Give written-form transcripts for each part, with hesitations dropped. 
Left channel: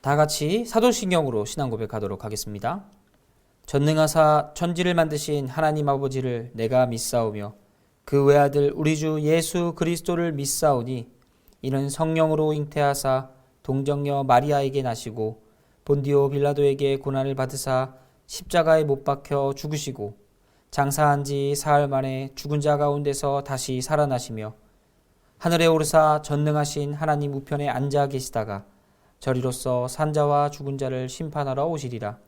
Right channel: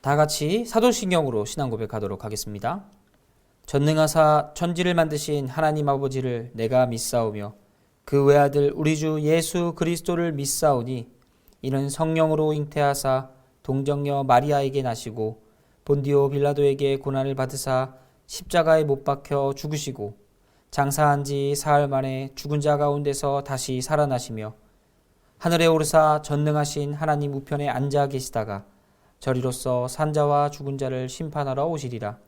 다 같이 사도신경으로 신앙 고백하도록 하겠습니다. 전능하사 천지를 만드신 하나님 아버지를 내가 믿사오며 그 외아들 우리 주 예수 그리스도를 믿사오니 이는 성령으로 잉태하사 동정녀 마리아에게 나시고 본디오 빌라도에게 고난을 받으사 십자가에 못 박혀 죽으시고 장사한 지 사흘 만에 죽은 자 가운데서 다시 살아나시며 하늘에 오르사 전능하신 하나님 우편에 앉아 계시다가 저리로서 산자와 죽은 자를 심판하러 오시리라.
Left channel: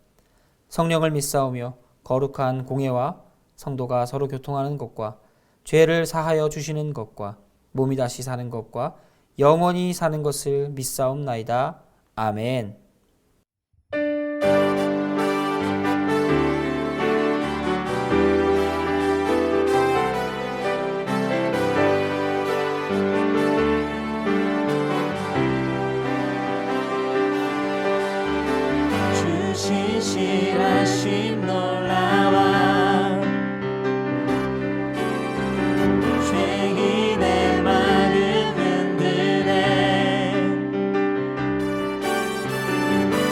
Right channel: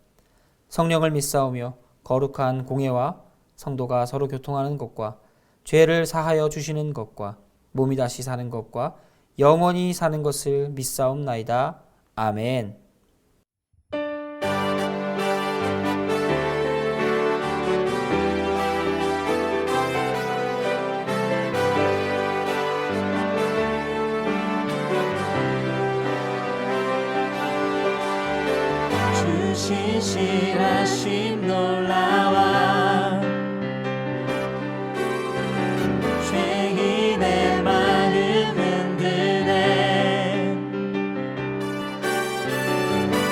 성령을 믿사오며 거룩한 공예와 성도가 서로 교통하는 것과 죄를 사하여 주시는 것과 몸이 다시 사는 것과 영원히 사는 것을 믿사옵나이다. 아멘. 신실하심 놀라와 죄인의 마음 흔드네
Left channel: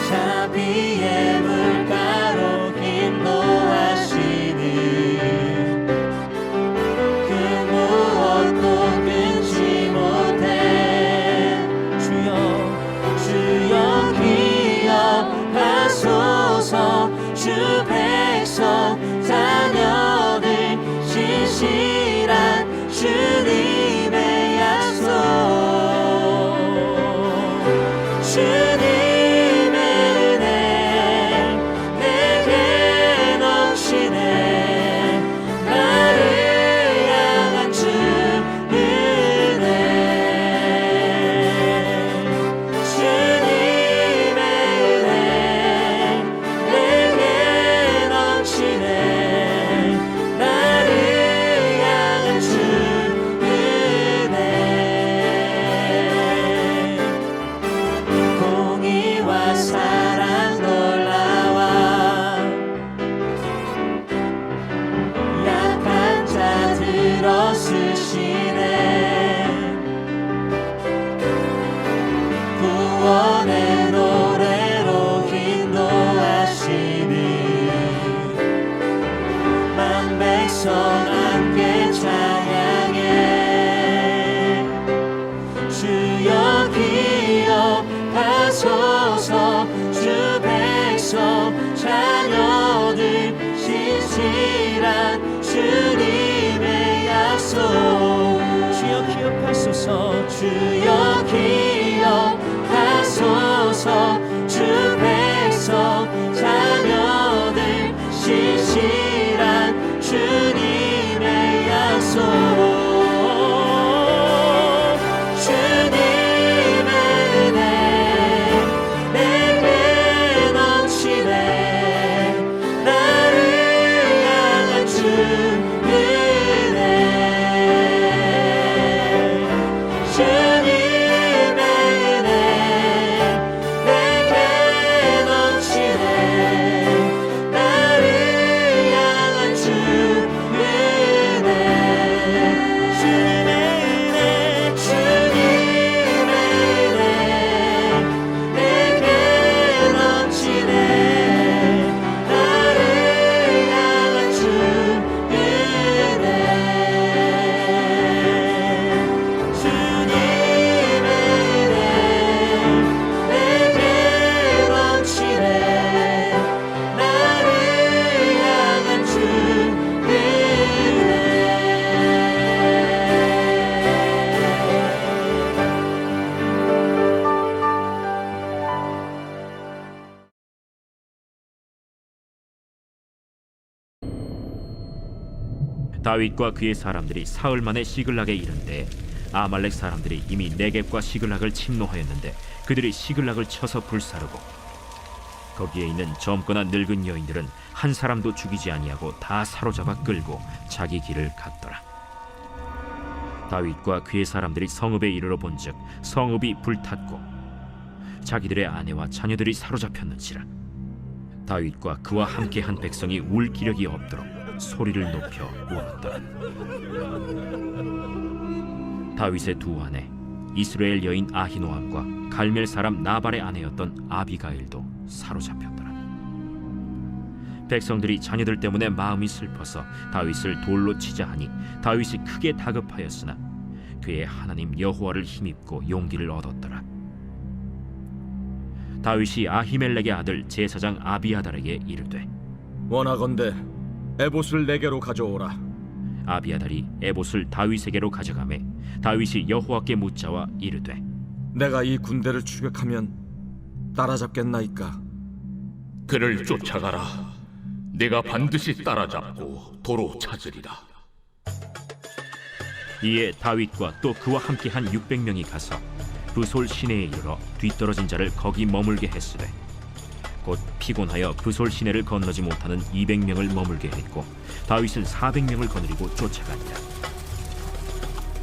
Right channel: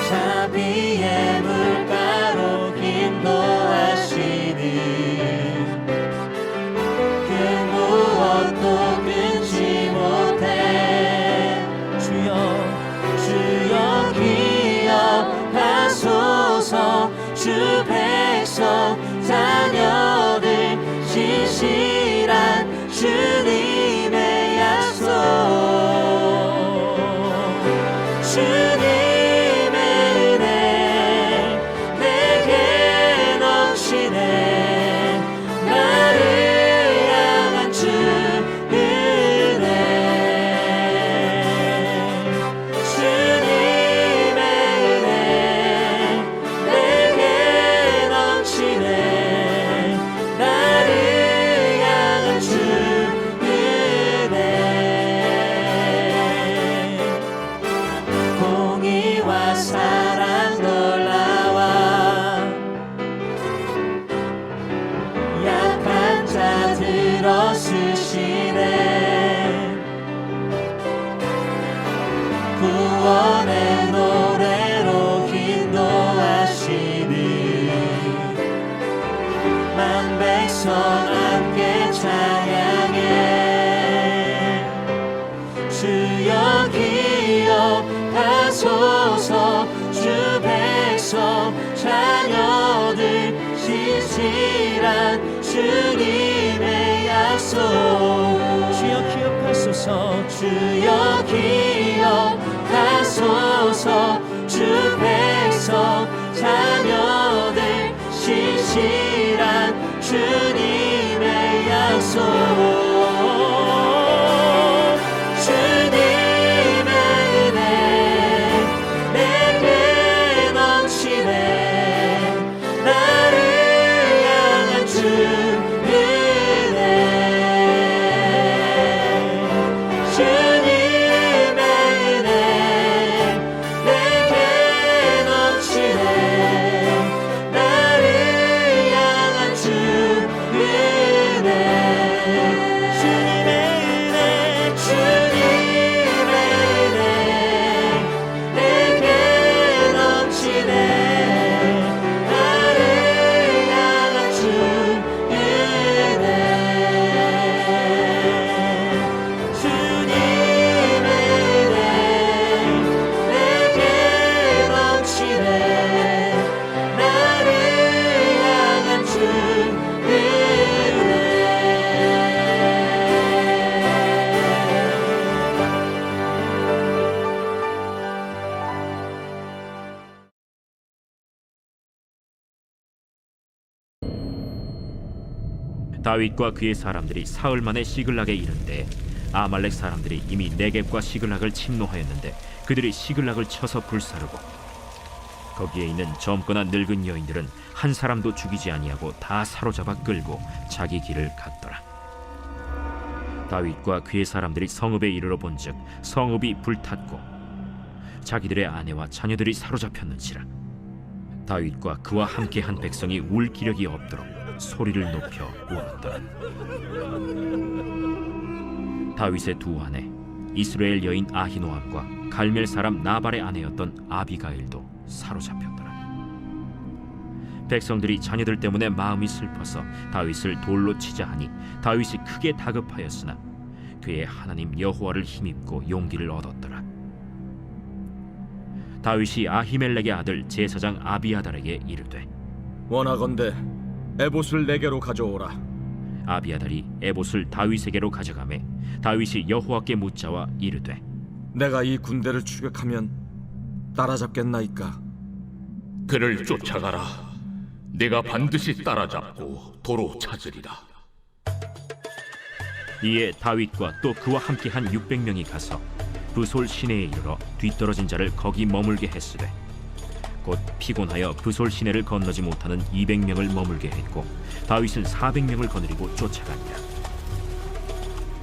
자비의 물가로 인도하시는 그 무엇도 끊지 못해 주여 기억하소서 주 백성 자녀들 신실한 주님의 약속 주님의 은혜 내게 넘치네 나를 향한 주 은혜 주님의 은혜 내게 넘치네 나를 향한 주 은혜 공의와 사랑 놀라와 약한 자 들어 쓰시네 구원의 노래로 인도하시는 만백성 함께 찬양해 주여 기억하소서 주 백성 자녀들 신실한 주님의 약속 주여 기억하소서 주여 기억하소서 주 백성 자녀들 신실한 주님의 약속 주님의 은혜 내게 넘치네 나를 향한 주 은혜 주님의 은혜 내게 넘치네 나를 향한 주 은혜 주님의 은혜 주님의 은혜 내게 넘치네 나를 향한 주 은혜 주님의 은혜 내게 넘치네 나를 향한 주 은혜 다윗과 그의 사람들이 사흘 만에 시글락에 이른 때 아말렉 사람들이 이미 네겝과 시글락을 침노하였는데 그들이 시글락을 쳐서 불사르고 거기에 있는 젊거나 늙은 여인들은 한 사람도 죽이지 아니하고 다 사로잡아 끌고 자기 길을 갔더라. 다윗과 그의 사람들이 성읍에 이르러 본즉 성읍이 불탔고 자기들의 아내와 자녀들이 사로잡혔는지라. 다윗과 그와 함께한 백성이 울 기력이 없도록 소리를 높여 울었더라. 다윗의 두 아내 이스라엘 여인 아히노암과 갈멜 사람 나발의 아내였던 아비가일도 사로잡혔더라. 백성들이 자녀들 때문에 마음이 슬퍼서 다윗을 돌로 치자 하니 다윗이 크게 다급하였으나 그의 하나님 여호와를 힘입고 용기를 얻었더라. 다윗이 아히멜렉의 아들 제사장 아비아달에게 이르되 원하건대 에봇을 내게로 가져오라. 아비아달이 에봇을 다윗에게로 가져가매 다윗이 여호와께 묻자와 이르되 내가 이 군대를 추격하면 따라잡겠나이까? 그를 쫓아가라. 내가 반드시 따라잡고 도로 찾으리라. 이에 다윗과 또 그와 함께한 600명이 가서 브솔 시내에 이르러 뒤떨어진 자를 거기 머물게 했으되 곧 피곤하여 브솔 시내를 건너지 못하는 200명을 머물게 했고 다윗은 400명을 거느리고 쫓아가니라.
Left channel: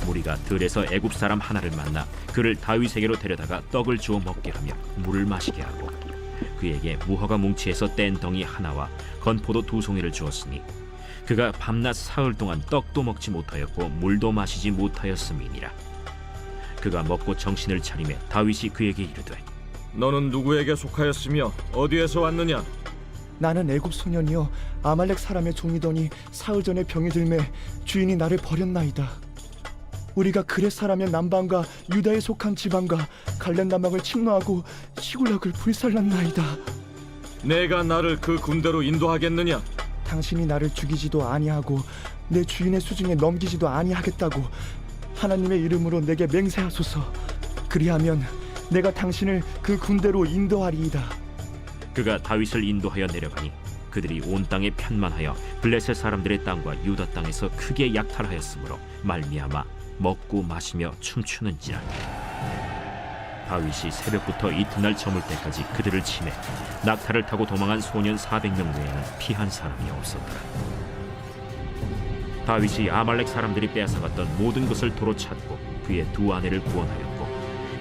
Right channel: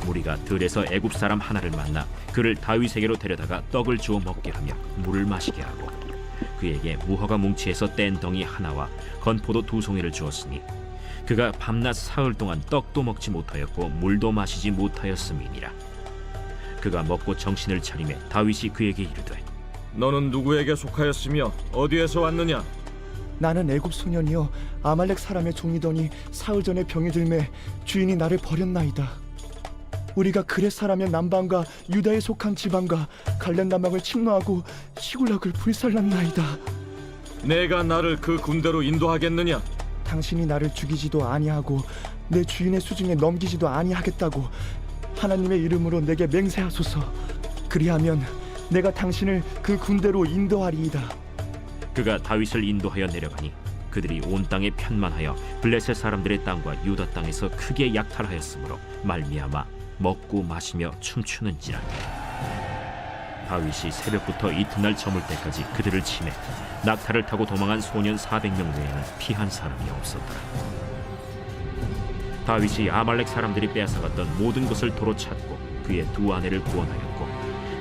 무리가 들에서 애굽 사람 하나를 만나 그를 다윗에게로 데려다가 떡을 주어 먹게 하며 물을 마시게 하고 그에게 무화과 뭉치에서 뗀 덩이 하나와 건포도 2송이를 주었으니 그가 밤낮 사흘 동안 떡도 먹지 못하였고 물도 마시지 못하였음이니라. 그가 먹고 정신을 차리매 다윗이 그에게 이르되 너는 누구에게 속하였으며 어디에서 왔느냐? 나는 애굽 소년이여 아말렉 사람의 종이더니 사흘 전에 병이 들매 주인이 나를 버렸나이다. 우리가 그렛 사람의 남방과 유다에 속한 지방과 갈렙 남방을 침노하고 시굴락을 불살랐나이다. 내가 나를 그 군대로 인도하겠느냐? 당신이 나를 죽이지도 아니하고 내 주인의 수중에 넘기지도 아니하겠다고 하나님의 이름으로 내게 맹세하소서. 그리하면 내가 당신을 그 군대로 인도하리이다. 그가 다윗을 인도하여 내려가니 그들이 온 땅에 편만하여 블레셋 사람들의 땅과 유다 땅에서 크게 약탈하였으므로 말미암아 먹고 마시며 춤추는지라. 다윗이 새벽부터 이튿날 저물 때까지 그들을 치매 낙타를 타고 도망한 소년 400명 외에는 피한 사람이 없었더라. 다윗이 아말렉 사람들이 빼앗아갔던 모든 것을 도로 찾고 그의 2 아내를 구원하였고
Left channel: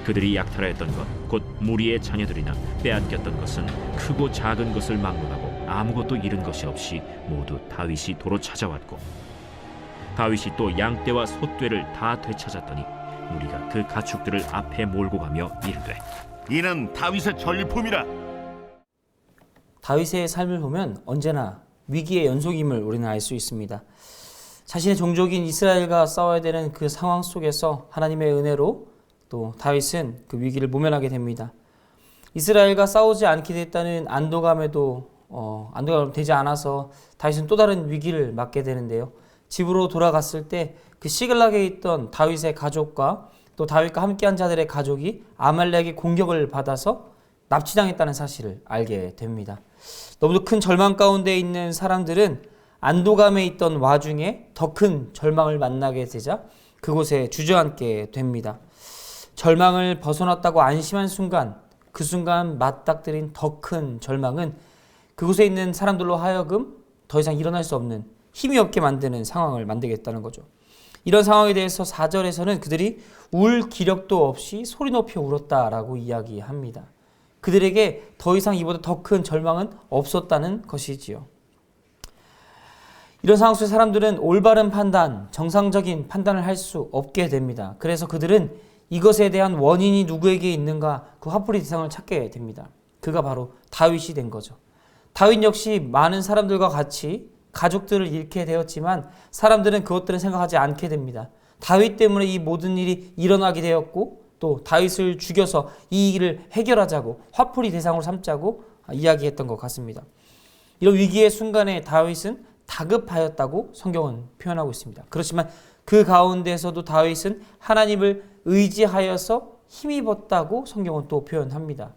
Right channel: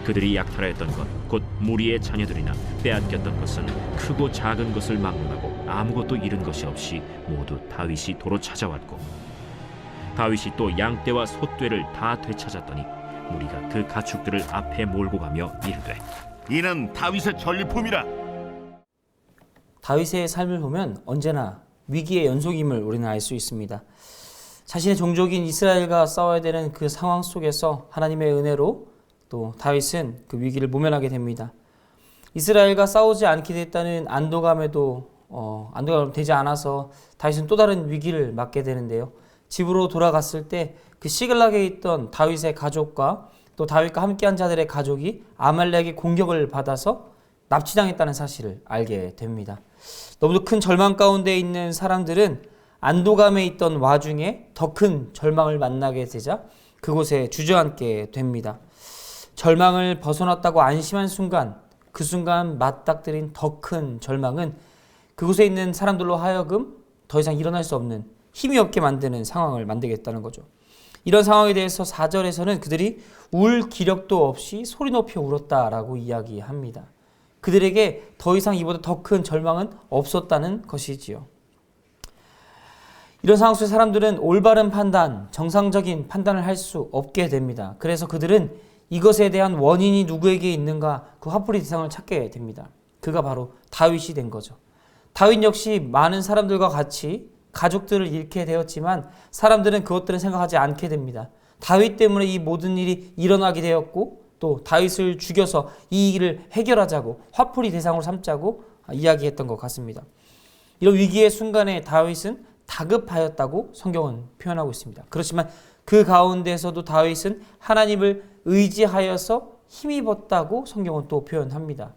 그들이 약탈하였던 것 곧 무리의 자녀들이나 빼앗겼던 것은 크고 작은 것을 막론하고 아무것도 잃은 것이 없이 모두 다윗이 도로 찾아왔고 다윗이 또 양떼와 소떼를 다 되찾았더니 무리가 그 가축들을 앞에 몰고 가며 이르되 이는 다윗의 전리품이라. 다윗의 삶을 보면 언제나 위기의 연속임을 우리는 알 수 있습니다. 자신의 종족인 이스라엘과 싸워야 되는 그 상황 속에서 하나님의 은혜로 또 다윗은 그 위기를 모면하게 됩니다. 이스라엘과 싸우지 않게 됐다는 안도감에도 안도감 되지 않아서 다윗은 또 다른 위기를 맞게 되는데요. 집으로 돌아갔을 때 그 시글락에 있던 다윗의 가족과 또 다윗과 함께한 자들의 가족이 아말렉의 공격을 받아서 납치당했다는 사실을 알게 됩니다. 너무도 큰 절망 가운데 있는 사람들은 안도감에 있던 와중에 더 큰 절망을 만나게 되자 그곳에 주저앉게 됩니다. 절망을 벗어났다고 안심한 순간, 그 순간 맞닥뜨린 더 큰 절망은 그곳에 있는 사람들로 하여금 더 이상 일어날 수 없는 힘이 없게 만드는 상황을 만들겠다는 거죠. 이런 상황에 대해서 4절에서는 그들이 울 기력도 없이 소리 높여 울었다라고 이야기합니다. 그들에게 더 이상 이보다 더 큰 절망은 없었다는 것이지요. 이런 상황 속에 사람들은 올바른 판단, 정상적인 판단을 할 수 없게 됩니다. 그래서 그들은 이것에 대한 원인이 누구에게 있는가 그 화풀이 대상을 찾게 됩니다. 그가 바로 다윗이 된 거죠. 다윗 역시 많은 사람들과 같이 가족들을 잃게 되었지만 사람들은 그것들은 생각하지 않게 됩니다. 다윗 때문에 이 모든 일이 일어나게 되었고 또 다윗을 죽여서 이 일을 해결하자고 화풀이 대상으로 삼자고 이야기했던 것 같습니다. 이런 위기의 순간에 다윗은 다급하였다고 성경은 표현하고 있습니다. 그렇지만 그 가운데서도 다윗은 하나님을 의지하여서 힘입었다고 성경은 또 표현합니다.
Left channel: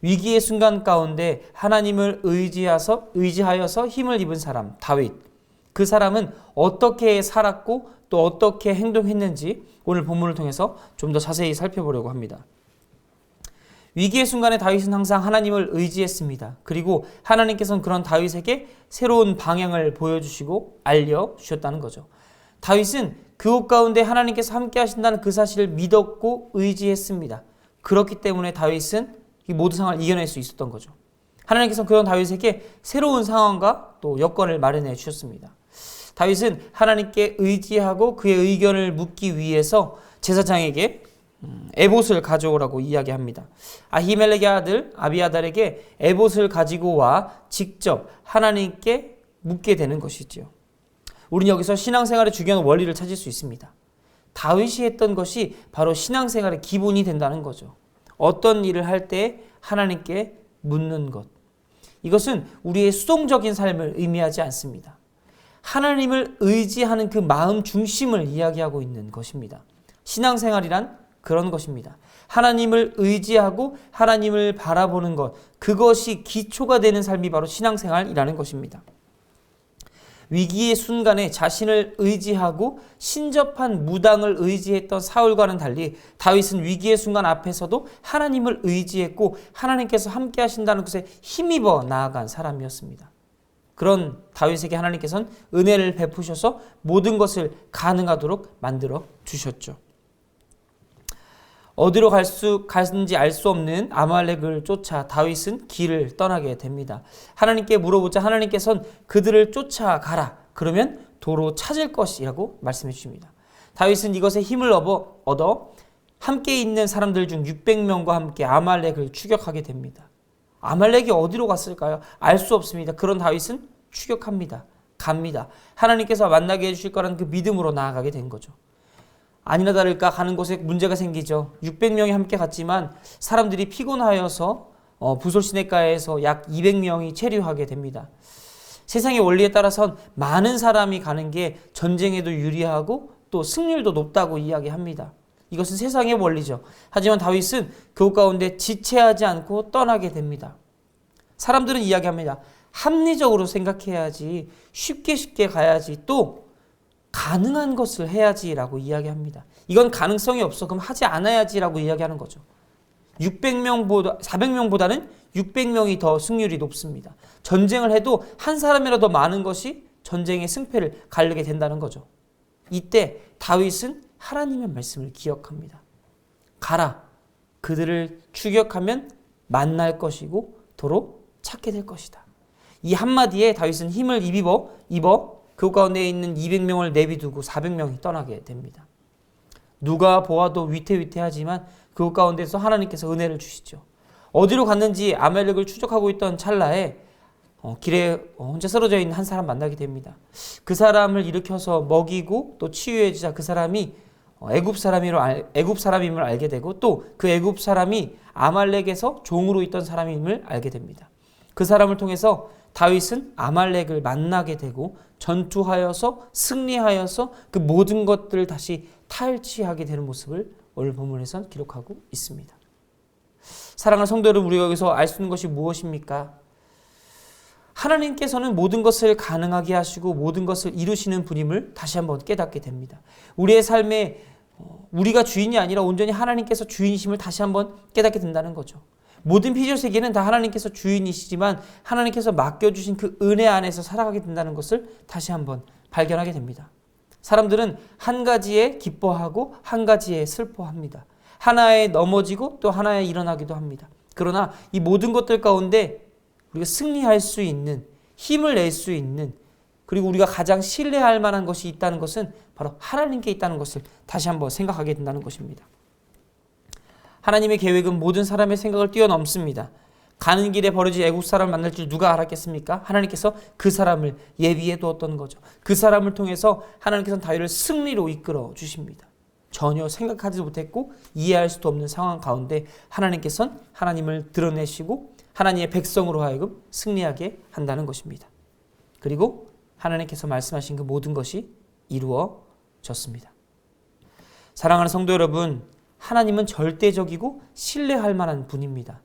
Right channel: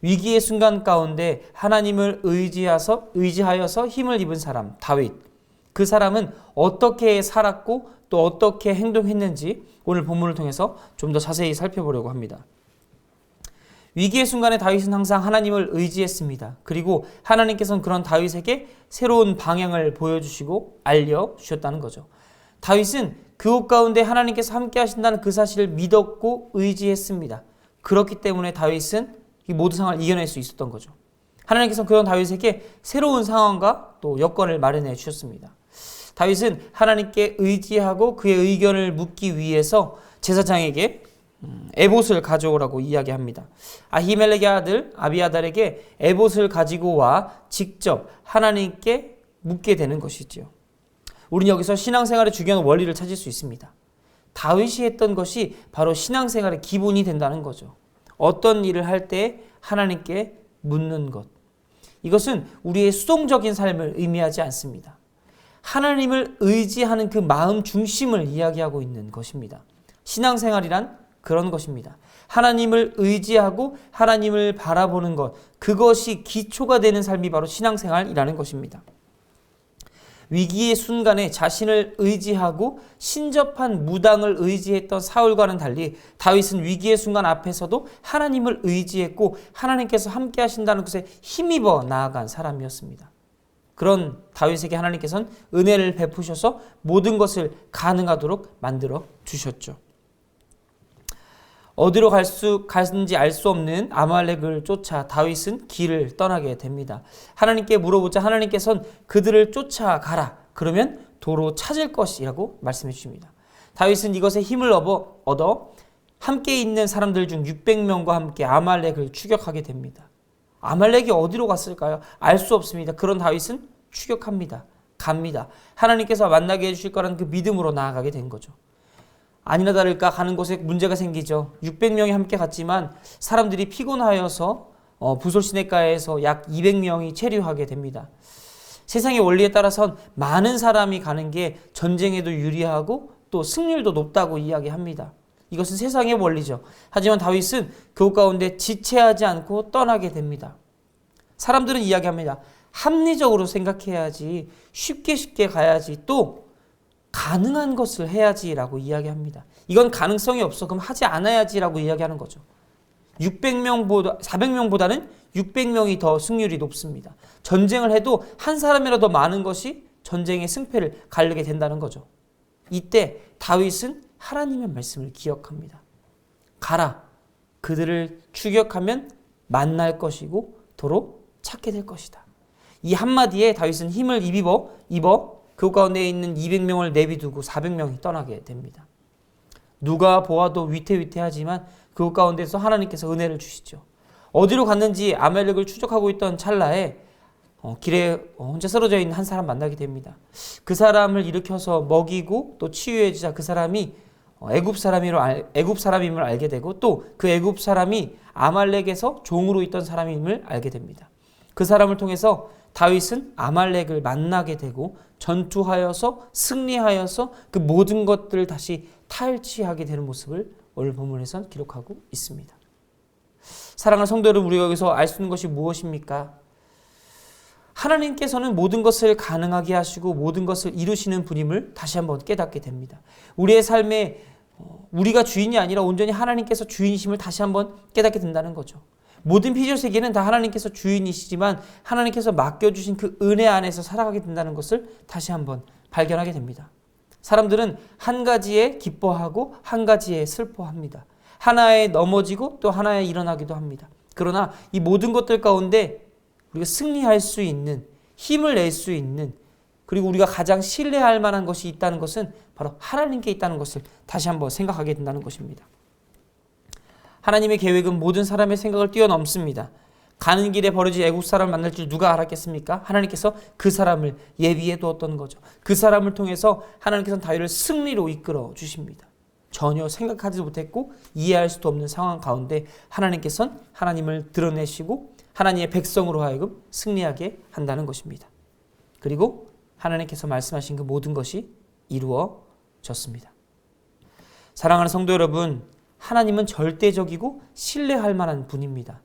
위기의 순간 가운데 하나님을 의지하여서 힘을 입은 사람 다윗, 그 사람은 어떻게 살았고 또 어떻게 행동했는지 오늘 본문을 통해서 좀 더 자세히 살펴보려고 합니다. 위기의 순간에 다윗은 항상 하나님을 의지했습니다. 그리고 하나님께서는 그런 다윗에게 새로운 방향을 보여주시고 알려주셨다는 거죠. 다윗은 그곳 가운데 하나님께서 함께 하신다는 그 사실을 믿었고 의지했습니다. 그렇기 때문에 다윗은 이 모든 상황을 이겨낼 수 있었던 거죠. 하나님께서 그런 다윗에게 새로운 상황과 또 여건을 마련해 주셨습니다. 다윗은 하나님께 의지하고 그의 의견을 묻기 위해서 제사장에게 에봇을 가져오라고 이야기합니다. 아히멜렉의 아들 아비아달에게 에봇을 가지고 와 직접 하나님께 묻게 되는 것이지요. 우리는 여기서 신앙생활의 중요한 원리를 찾을 수 있습니다. 다윗이 했던 것이 바로 신앙생활의 기본이 된다는 거죠. 어떤 일을 할 때 하나님께 묻는 것. 이것은 우리의 수동적인 삶을 의미하지 않습니다. 하나님을 의지하는 그 마음 중심을 이야기하고 있는 것입니다. 신앙생활이란 그런 것입니다. 하나님을 의지하고 하나님을 바라보는 것, 그것이 기초가 되는 삶이 바로 신앙생활이라는 것입니다. 위기의 순간에 자신을 의지하고 신접한 무당을 의지했던 사울과는 달리 다윗은 위기의 순간 앞에서도 하나님을 의지했고 하나님께서 함께 하신다는 것에 힘입어 나아간 사람이었습니다. 그런 다윗에게 하나님께서는 은혜를 베푸셔서 모든 것을 가능하도록 만들어 주셨죠. 어디로 갔는지 알 수 없는 아말렉을 쫓아 다윗은 길을 떠나게 됩니다. 하나님께 물어보자 하나님께서는 그들을 쫓아가라. 그러면 도로 찾을 것이라고 말씀해 주십니다. 다윗은 이것에 힘을 얻어 함께 있는 사람들 중 600명과 함께 아말렉을 추격하게 됩니다. 아말렉이 어디로 갔을까요? 알 수 없습니다. 그런 다윗은 추격합니다. 갑니다. 하나님께서 만나게 해주실 거라는 그 믿음으로 나아가게 된 거죠. 아니나 다를까 가는 곳에 문제가 생기죠. 600명이 함께 갔지만 사람들이 피곤하여서 부솔 시내가에서 약 200명이 체류하게 됩니다. 세상의 원리에 따라선 많은 사람이 가는 게 전쟁에도 유리하고 또 승률도 높다고 이야기합니다. 이것은 세상의 원리죠. 하지만 다윗은 그 가운데 지체하지 않고 떠나게 됩니다. 사람들은 이야기합니다. 합리적으로 생각해야지, 쉽게 가야지, 또 가능한 것을 해야지라고 이야기합니다. 이건 가능성이 없어. 그럼 하지 않아야지라고 이야기하는 거죠. 400명보다는 600명이 더 승률이 높습니다. 전쟁을 해도 한 사람이라도 많은 것이 전쟁의 승패를 가르게 된다는 거죠. 이때 다윗은 하나님의 말씀을 기억합니다. 가라. 그들을 추격하면 만날 것이고 도로 찾게 될 것이다. 이 한마디에 다윗은 힘을 입어 그 가운데 있는 200명을 내비두고 400명이 떠나게 됩니다. 누가 보아도 위태위태하지만 그 가운데서 하나님께서 은혜를 주시죠. 어디로 갔는지 아말렉을 추적하고 있던 찰나에 길에 혼자 쓰러져 있는 한 사람 만나게 됩니다. 그 사람을 일으켜서 먹이고 또 치유해 주자 그 사람이 애굽 사람임을 알게 되고 또 그 애굽 사람이 아말렉에서 종으로 있던 사람임을 알게 됩니다. 그 사람을 통해서 다윗은 아말렉을 만나게 되고 전투하여서 승리하여서 그 모든 것들을 다시 탈취하게 되는 모습을 오늘 본문에서 기록하고 있습니다. 사랑하는 성도 여러분, 우리가 여기서 알 수 있는 것이 무엇입니까? 하나님께서는 모든 것을 가능하게 하시고 모든 것을 이루시는 분임을 다시 한번 깨닫게 됩니다. 우리의 삶에 우리가 주인이 아니라 온전히 하나님께서 주인이심을 다시 한번 깨닫게 된다는 거죠. 모든 피조 세계는 다 하나님께서 주인이시지만 하나님께서 맡겨주신 그 은혜 안에서 살아가게 된다는 것을 다시 한번 발견하게 됩니다. 사람들은 한 가지에 기뻐하고 한 가지에 슬퍼합니다. 하나에 넘어지고 또 하나에 일어나기도 합니다. 그러나 이 모든 것들 가운데 우리가 승리할 수 있는, 힘을 낼 수 있는, 그리고 우리가 가장 신뢰할 만한 것이 있다는 것은 바로 하나님께 있다는 것을 다시 한번 생각하게 된다는 것입니다. 하나님의 계획은 모든 사람의 생각을 뛰어넘습니다. 가는 길에 버려진 애국 사람을 만날 줄 누가 알았겠습니까? 하나님께서 그 사람을 예비해 두었던 거죠. 그 사람을 통해서 하나님께서는 다윗을 승리로 이끌어 주십니다. 전혀 생각하지 못했고 이해할 수도 없는 상황 가운데 하나님께서는 하나님을 드러내시고 하나님의 백성으로 하여금 승리하게 한다는 것입니다. 그리고 하나님께서 말씀하신 그 모든 것이 이루어졌습니다. 사랑하는 성도 여러분, 하나님은 절대적이고 신뢰할 만한 분입니다.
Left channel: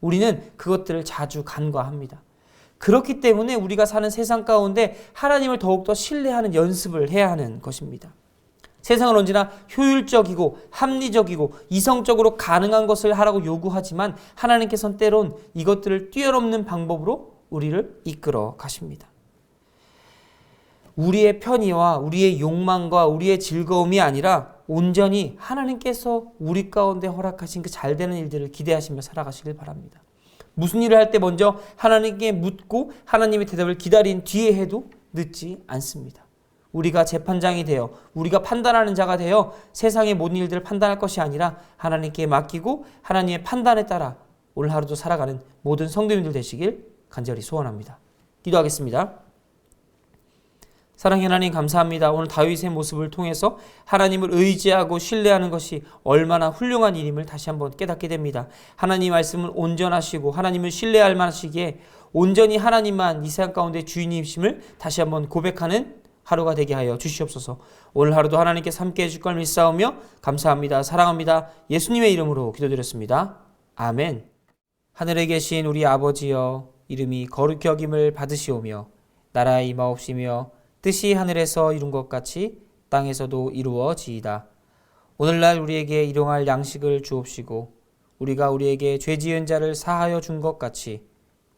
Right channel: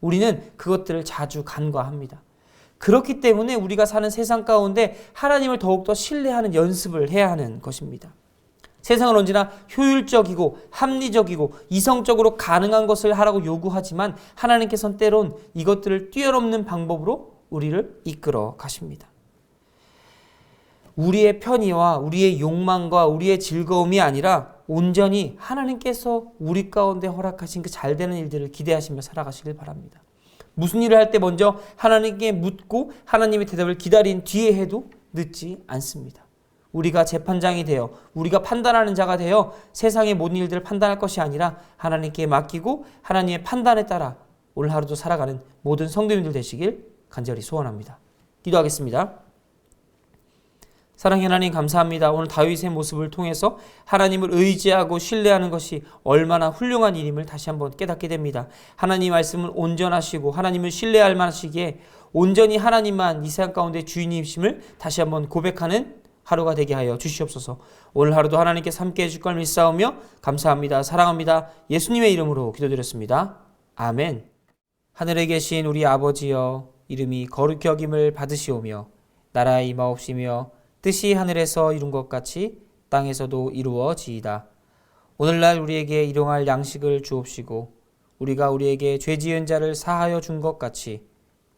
우리는 그것들을 자주 간과합니다. 그렇기 때문에 우리가 사는 세상 가운데 하나님을 더욱더 신뢰하는 연습을 해야 하는 것입니다. 세상은 언제나 효율적이고 합리적이고 이성적으로 가능한 것을 하라고 요구하지만 하나님께서는 때론 이것들을 뛰어넘는 방법으로 우리를 이끌어 가십니다. 우리의 편의와 우리의 욕망과 우리의 즐거움이 아니라 온전히 하나님께서 우리 가운데 허락하신 그 잘되는 일들을 기대하시며 살아가시길 바랍니다. 무슨 일을 할 때 먼저 하나님께 묻고 하나님의 대답을 기다린 뒤에 해도 늦지 않습니다. 우리가 재판장이 되어 우리가 판단하는 자가 되어 세상의 모든 일들을 판단할 것이 아니라 하나님께 맡기고 하나님의 판단에 따라 오늘 하루도 살아가는 모든 성도님들 되시길 간절히 소원합니다. 기도하겠습니다. 사랑의 하나님 감사합니다. 오늘 다윗의 모습을 통해서 하나님을 의지하고 신뢰하는 것이 얼마나 훌륭한 일임을 다시 한번 깨닫게 됩니다. 하나님 말씀은 온전하시고 하나님을 신뢰할 만하시기에 온전히 하나님만 이 세상 가운데 주인이심을 다시 한번 고백하는 하루가 되게 하여 주시옵소서. 오늘 하루도 하나님께 함께 해줄 걸 믿사오며 감사합니다. 사랑합니다. 예수님의 이름으로 기도드렸습니다. 아멘. 하늘에 계신 우리 아버지여, 이름이 거룩히 여김을 받으시오며 나라에 임하옵시며 뜻이 하늘에서 이룬 것 같이 땅에서도 이루어지이다. 오늘날 우리에게 일용할 양식을 주옵시고 우리가 우리에게 죄 지은 자를 사하여 준 것 같이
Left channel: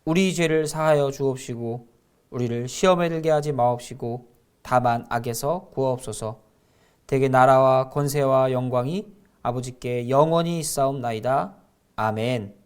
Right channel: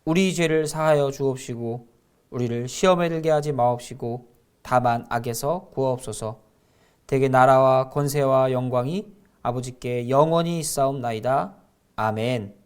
우리 죄를 사하여 주옵시고 우리를 시험에 들게 하지 마옵시고 다만 악에서 구하옵소서. 대개 나라와 권세와 영광이 아버지께 영원히 있사옵나이다. 아멘.